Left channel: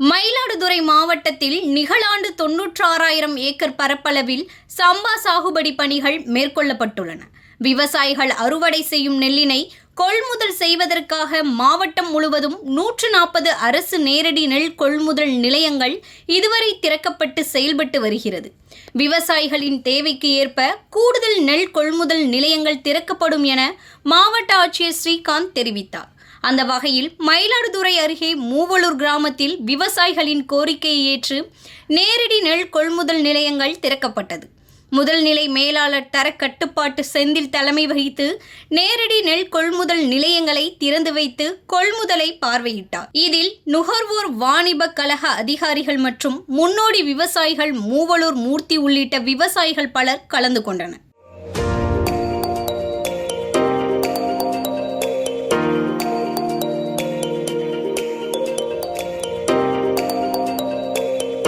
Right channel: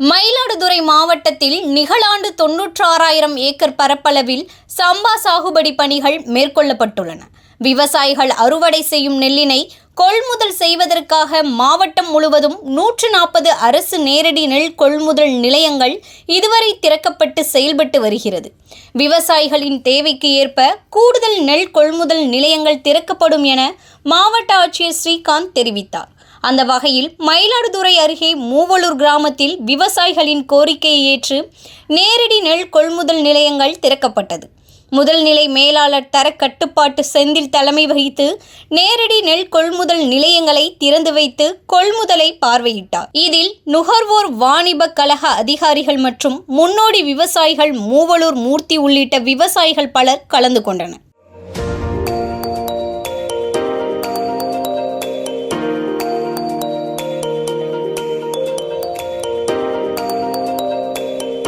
மயிலாடுதுறை மாவட்டத்தில் நிகழாண்டு 96,000 ஏக்கர் பரப்பளவில் சம்பா சாகுபடி பணிகள் மேற்கொள்ளப்பட்டுள்ளன. விவசாயிகள் அறுவடை செய்யும் நெல்லினை கொள்முதல் செய்வதற்காக மாவட்டம் முழுவதும் 140 அரசு நேரடி நெல் கொள்முதல் நிலையங்கள் இதுவரை திறக்கப்பட்டு செயல்பட்டு வருகிறது. விவசாயிகளின் தேவைக்கு ஏற்ப கூடுதல் நெல் கொள்முதல் நிலையங்கள் திறக்கப்படும் என மாவட்ட ஆட்சியர் ஸ்ரீகாந்த் தெரிவித்தார். அந்த வகையில் மயிலாடுதுறை அருகே மூவலூர் கிராமத்தில் விவசாயிகளின் கோரிக்கையை ஏற்று நேரடி நெல் கொள்முதல் நிலையங்கள் திறக்கப்பட்டது. முதல் நிலை மேலாளர் தர கட்டுப்பாட்டு செந்தில் தலைமை வகித்து நேரடி நெல் கொள்முதல் நிலையங்களை திறந்து வைத்து கொள்முதலை பார்வையிட்டார். இதில் நுகர்வோர் வாணிப கழக அதிகாரிகள் மற்றும் முன்னோடி விவசாயிகள் மூவலூர் மூர்த்தி உள்ளிட்ட விவசாயிகள் பலர் கலந்து கொண்டனர்.